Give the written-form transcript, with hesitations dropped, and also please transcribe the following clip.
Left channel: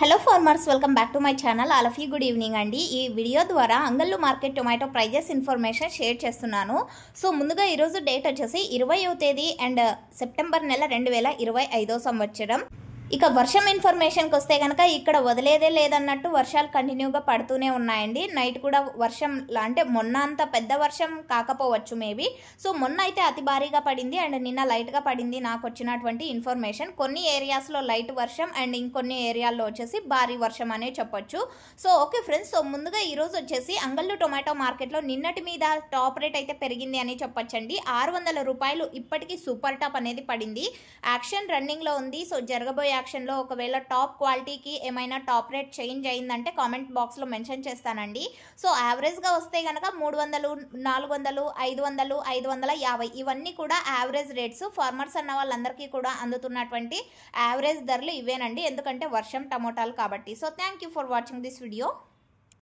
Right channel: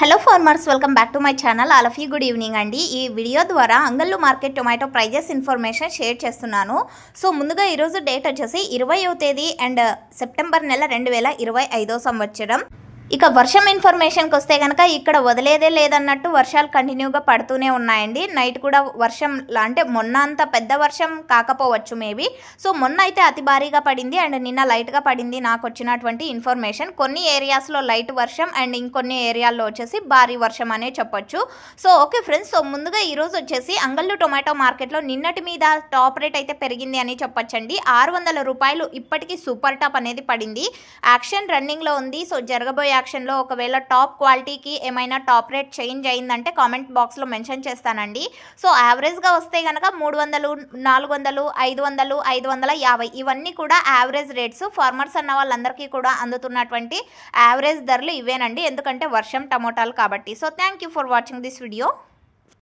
Hello farmers, welcome back to my channel. All of you good evening అండి. ఈ video ద్వారా Angallu market tomato prices information share చేస్తున్నాను. So ముందుగా ఈరోజు date వచ్చేసి 20వ తేదీ అండ్ సెప్టెంబర్ నెల 2025 సంవత్సరం. ఇక వర్షం ఇన్ఫర్మేషన్కి వస్తే కనుక ఇక్కడ వదిలేదే లేదన్నట్టు వర్షాలు కంటిన్యూగా పడుతూనే ఉన్నాయండి. నైట్ కూడా వర్షం అంటే మొన్న అంత పెద్ద వర్షం కాకపోవచ్చు మేబీ. సో మొన్న అయితే అతి భారీగా పడింది అండ్ నిన్న లైట్గా పడింది. నాకు వచ్చినటువంటి ఇన్ఫర్మేషన్ కొన్ని ఏరియాస్లో లైట్ వర్షం అండ్ ఇంకొన్ని ఏరియాల్లో వచ్చేసి భారీ వర్షం అనే చెప్పొచ్చు. సో ఓకే ఫ్రెండ్స్, సో ముందుగా ఈరోజు వచ్చేసి అంగళ్ళు టొమాటో మార్కెట్లో నిన్నటి మీద టాప్ రేట్ అయితే పెరిగింది అని చెప్పొచ్చండి. 600 రూపాయలు ఇప్పటికీ సూపర్ టాప్ అనేది పడింది. యాక్షన్ రన్నింగ్లో ఉంది. సో జరగబోయే యాక్షన్లో ఒకవేళ టాప్ క్వాలిటీకి ఏమైనా టాప్ రేట్ చేంజ్ అయిందంటే కామెంట్ బాక్స్లో మెన్షన్ చేస్తానండి. సో యావరేజ్గా వస్తే కనుక 300, 400, 500, 550 ఇవన్నీ కూడా యావరేజ్ రేట్స్. ఫార్మర్స్ అన్న వాళ్ళందరికీ కూడా అందుతున్నటువంటి యావరేజ్ ధరలు ఇవేనండి, ఎందుకంటే వర్షం టమోటాలు కాబట్టి. So thank you for watching this video.